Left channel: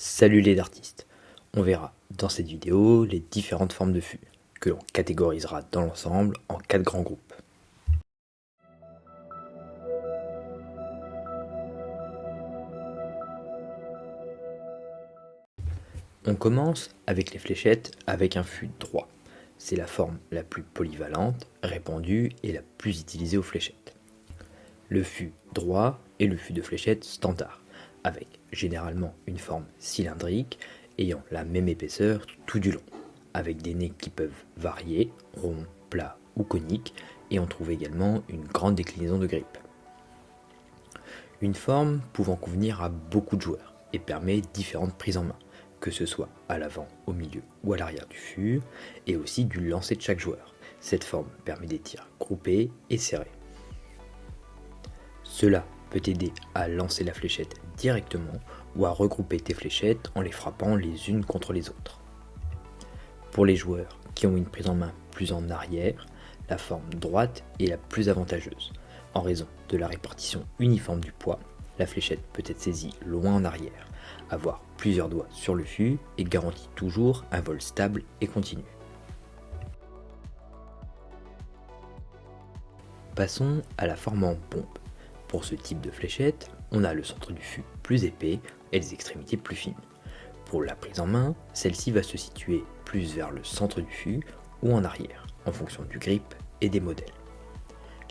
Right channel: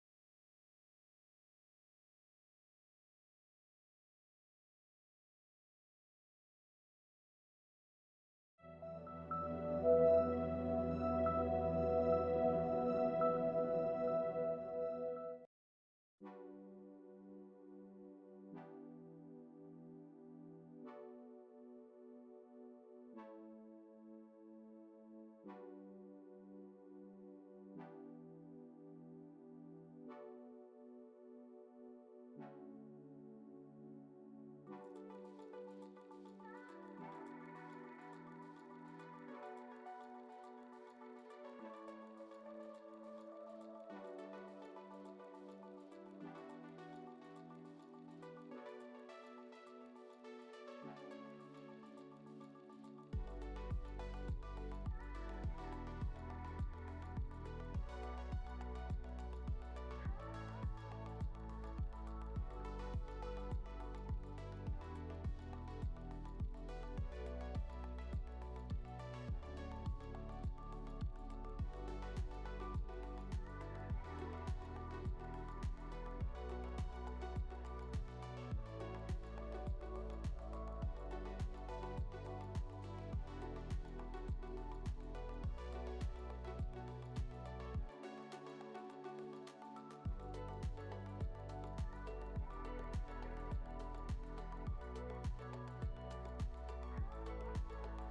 Salut les artistes, on verra dans cette vidéo les différentes formes de fûts, que l'on catégorisera dans l'ensemble en 4 grands groupes. On commence avec les fléchettes avec un fût droit. C'est la forme la plus polyvalente, répandue et la plus utilisée aux fléchettes. Le fût droit est le fût de fléchette standard, avec généralement une forme cylindrique ayant la même épaisseur tout du long, avec des nez qui peuvent varier, ronds, plats ou coniques, et on trouve également une grande déclinaison de grippe. Une forme pouvant convenir à beaucoup de joueurs et permet différentes prises en main, que ce soit à l'avant, au milieu ou à l'arrière du fût, et aussi du lancer de chaque joueur. Cette forme permet des tirs groupés et serrés. Cela peut aider à lancer la fléchette directement ou à regrouper tes fléchettes en les frappant les unes contre les autres. Pour les joueurs qui ont une prise en main plus en arrière, la forme droite est la plus avantageuse. En raison de la répartition uniforme du poids, la fléchette peut être saisie loin en arrière. Avoir plusieurs doigts sur le fût et garantit toujours un vol stable et continu. Passons à la forme en pompe. Pour ce type de fléchette, on a le centre du fût plus épais et les extrémités plus fines. Pour la prise en main, celle-ci va se situer plus vers le centre du fût ou en arrière, en fonction du grip et des modèles.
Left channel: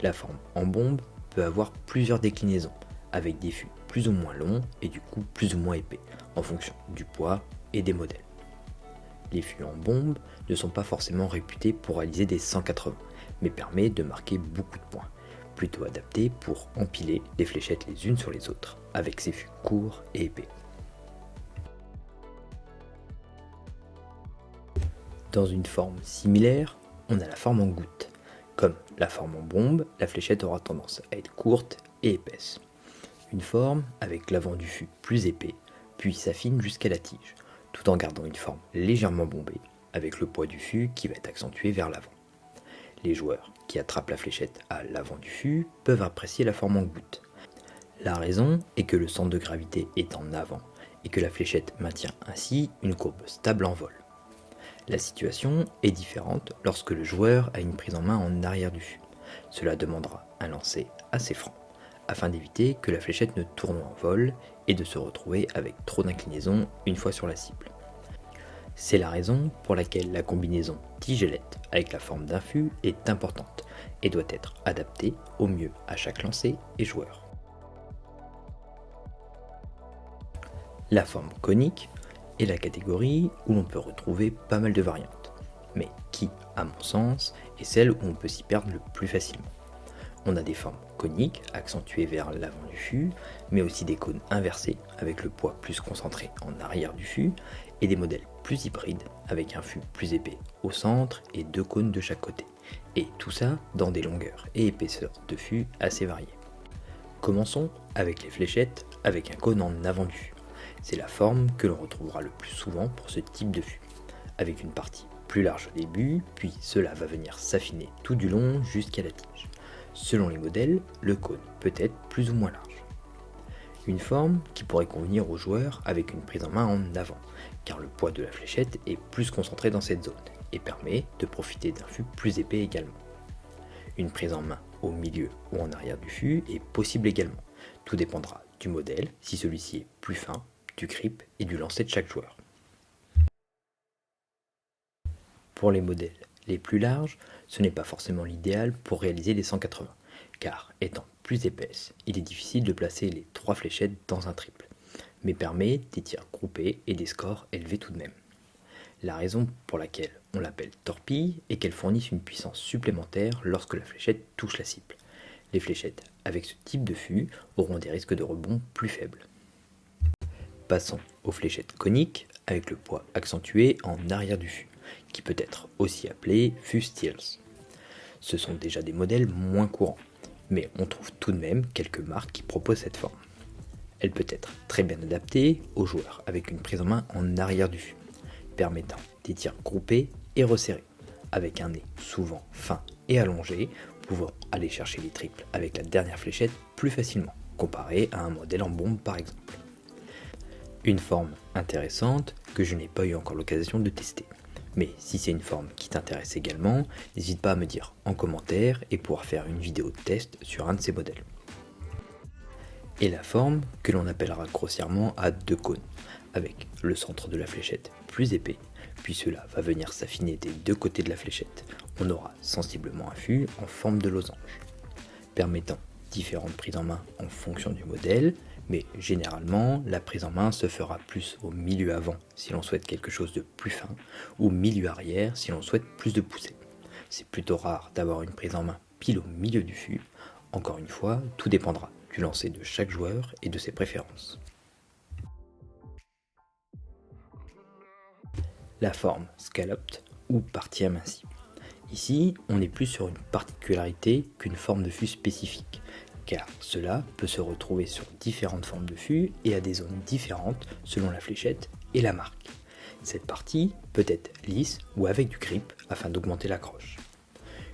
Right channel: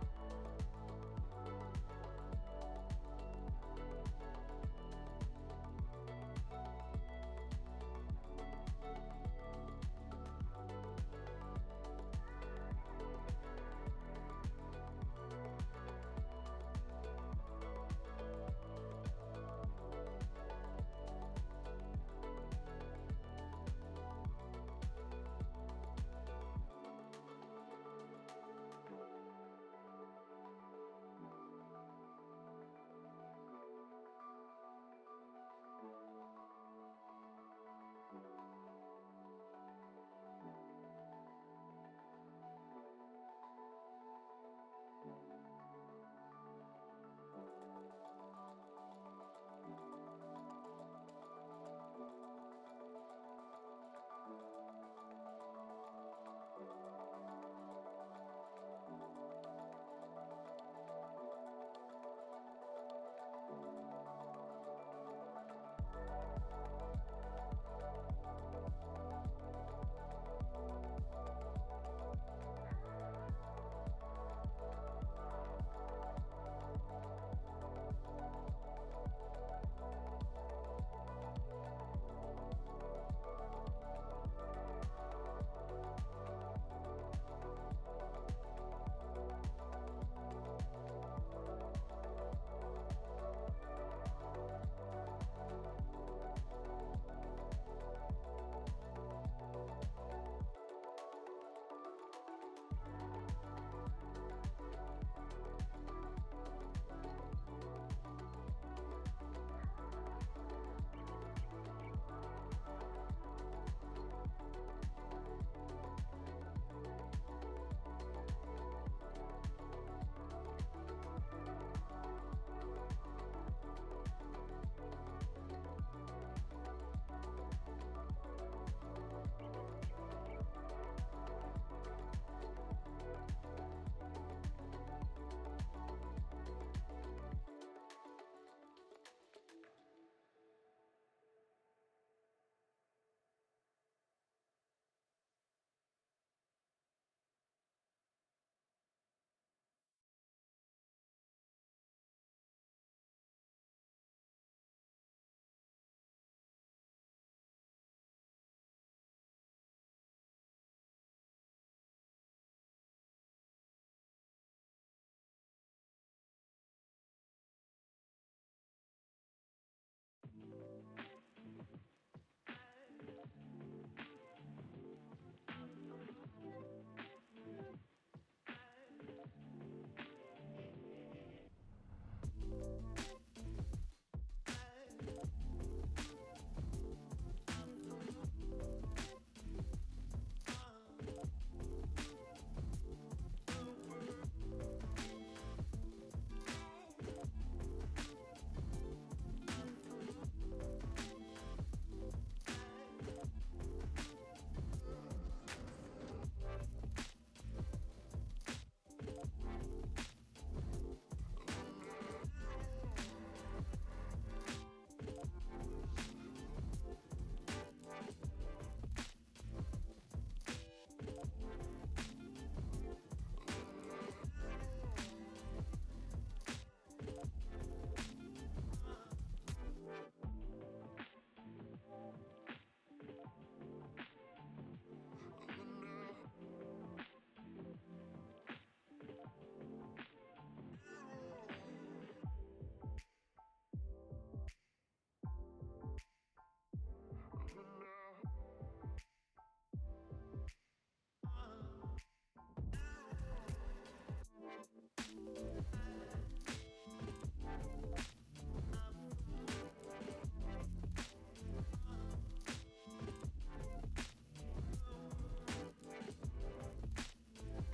La forme en bombe peut avoir plusieurs déclinaisons, avec des fûts plus ou moins longs et du coup plus ou moins épais, en fonction du poids et des modèles. Les fûts en bombe ne sont pas forcément réputés pour réaliser des 180, mais permettent de marquer beaucoup de points, plutôt adaptés pour empiler les fléchettes les unes sur les autres, avec ces fûts courts et épais. Dans une forme similaire, on a la forme en goutte. Comme la forme en bombe, la fléchette aura tendance à être courte et épaisse. Une forme avec l'avant du fût plus épais, puis s'affine jusqu'à la tige, tout en gardant une forme légèrement bombée, avec le poids du fût qui va être accentué vers l'avant. Les joueurs qui attrapent la fléchette à l'avant du fût peuvent apprécier la forme en goutte. La raison est que le centre de gravité est en avant et que la fléchette maintient ainsi une courbe stable en vol. La situation est différente lorsque le joueur a une prise en main en arrière du fût. Cela demandera un lancer assez franc, afin d'éviter que la fléchette ne tourne en vol et de se retrouver avec trop d'inclinaison une fois sur la cible. C'est la raison pour laquelle la combinaison tigelette avec la forme d'un fût est importante et doit être adaptée au mieux à chaque lancer et joueur. La forme conique est la catégorie où l'on peut retrouver pas mal de variantes, mais qui, à mon sens, est celle où on peut s'y perdre le plus facilement. On a des formes coniques accentuées vers l'avant du fût, mais aussi des cônes inversés avec le poids plus concentré en arrière du fût, et des modèles plus hybrides avec un fût plus épais au centre et 2 cônes de chaque côté, et tout ça dans des longueurs et épaisseurs de fût assez variées. Commençons avec les fléchettes avec un cône en avant du fût. C'est la forme que l'on retrouvera le plus souvent pour ce type de fût, avec une partie plus large au début, puis cela va venir s'affiner tout du long jusqu'à la tige. Selon les modèles, le cône peut être plus ou moins large. Une forme qui pourrait convenir aux joueurs avec une prise en main en avant, car le poids de la fléchette est plus concentré dans cette zone et permet de profiter d'un fût plus épais également. Une prise en main au milieu ou en arrière du fût est possible également. Tout dépendra du modèle, si celui-ci est plus fin, du grip et du lancer de chaque joueur. Pour les modèles les plus larges, ce n'est pas forcément l'idéal pour réaliser les 180, car étant plus épaisse, il est difficile de placer les 3 fléchettes dans un triple, mais permet des tirs groupés et des scores élevés tout de même. La raison pour laquelle on l'appelle torpille est qu'elle fournisse une puissance supplémentaire lorsque la fléchette touche la cible. Les fléchettes avec ce type de fût auront des risques de rebond plus faibles. Passons aux fléchettes coniques avec le poids accentué en arrière du fût, qui peut être aussi appelé fût Steels. Ce sont déjà des modèles moins courants, mais on trouve tout de même quelques marques qui proposent cette forme. Elle peut être très bien adaptée aux joueurs avec une prise en main en arrière du fût, permettant des tirs groupés et resserrés, avec un nez souvent fin et allongé, pouvant aller chercher les triples avec la dernière fléchette plus facilement, comparé à un modèle en bombe par exemple. Une forme intéressante que je n'ai pas eu encore l'occasion de tester. Mais si c'est une forme qui t'intéresse également, n'hésite pas à me dire en commentaire et pouvoir faire une vidéo de test sur un de ces modèles. Et la forme que l'on appellera grossièrement à deux cônes, avec le centre de la fléchette plus épais, puis cela va venir s'affiner des deux côtés de la fléchette. On aura sensiblement un fût en forme de losange, permettant différentes prises en main en fonction du modèle, mais généralement la prise en main se fera plus au milieu avant si l'on souhaite quelque chose de plus fin, ou milieu arrière si l'on souhaite plus de poussée. C'est plutôt rare d'avoir une prise en main pile au milieu du fût. Encore une fois, tout dépendra du lancer de chaque joueur et de ses préférences. La forme scalloped ou partie amincie. Ici, on est plus sur une particularité qu'une forme de fût spécifique, car cela peut se retrouver sur différentes formes de fût et à des zones différentes selon la fléchette et la marque. Cette partie peut être lisse ou avec du grip afin d'augmenter l'accroche.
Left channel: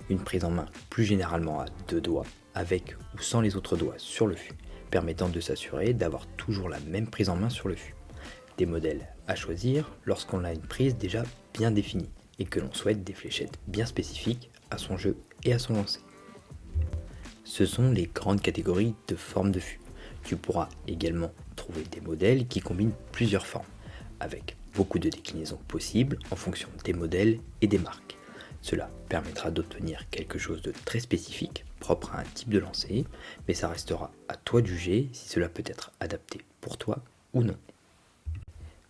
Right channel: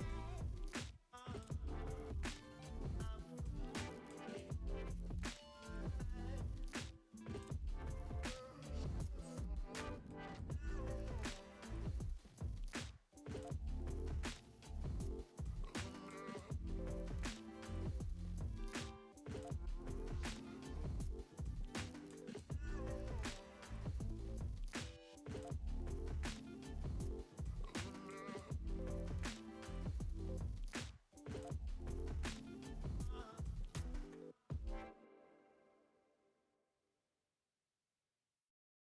Une prise en main plus généralement à deux doigts, avec ou sans les autres doigts sur le fût, permettant de s'assurer d'avoir toujours la même prise en main sur le fût. Des modèles à choisir lorsqu'on a une prise déjà bien définie et que l'on souhaite des fléchettes bien spécifiques à son jeu et à son lancer. Ce sont les grandes catégories de formes de fût. Tu pourras également trouver des modèles qui combinent plusieurs formes, avec beaucoup de déclinaisons possibles en fonction des modèles et des marques. Cela permettra d'obtenir quelque chose de très spécifique, propre à un type de lancer, mais ça restera à toi de juger si cela peut être adapté pour toi ou non.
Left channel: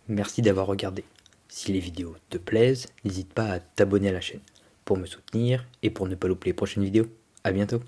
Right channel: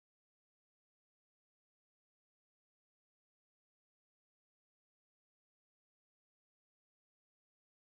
Merci d'avoir regardé. Si les vidéos te plaisent, n'hésite pas à t'abonner à la chaîne pour me soutenir et pour ne pas louper les prochaines vidéos. A bientôt.